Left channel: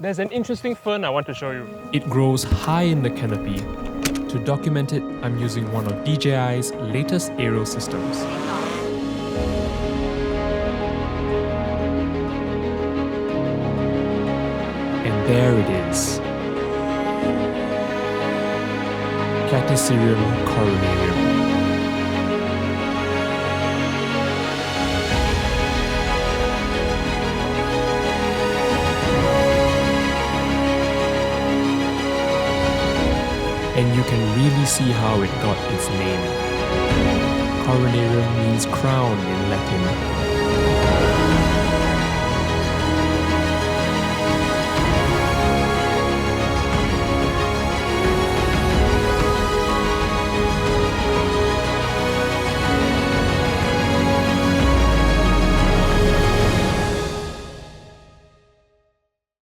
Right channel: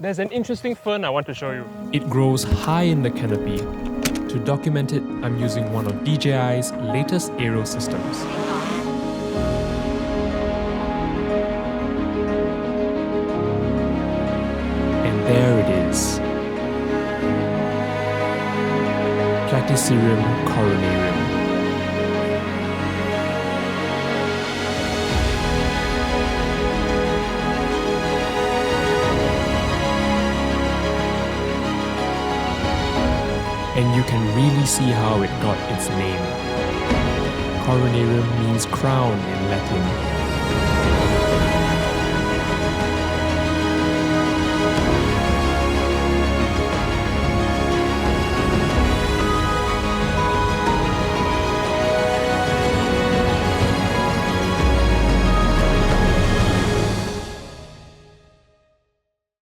There's an interesting fern I want to show you. It grows high in the canopy. To document it, I'm using one of DJI's latest aerial systems. And there it is. Platycerium coronarium. And you can really see how it got its name. Coronarium means crown in Latin.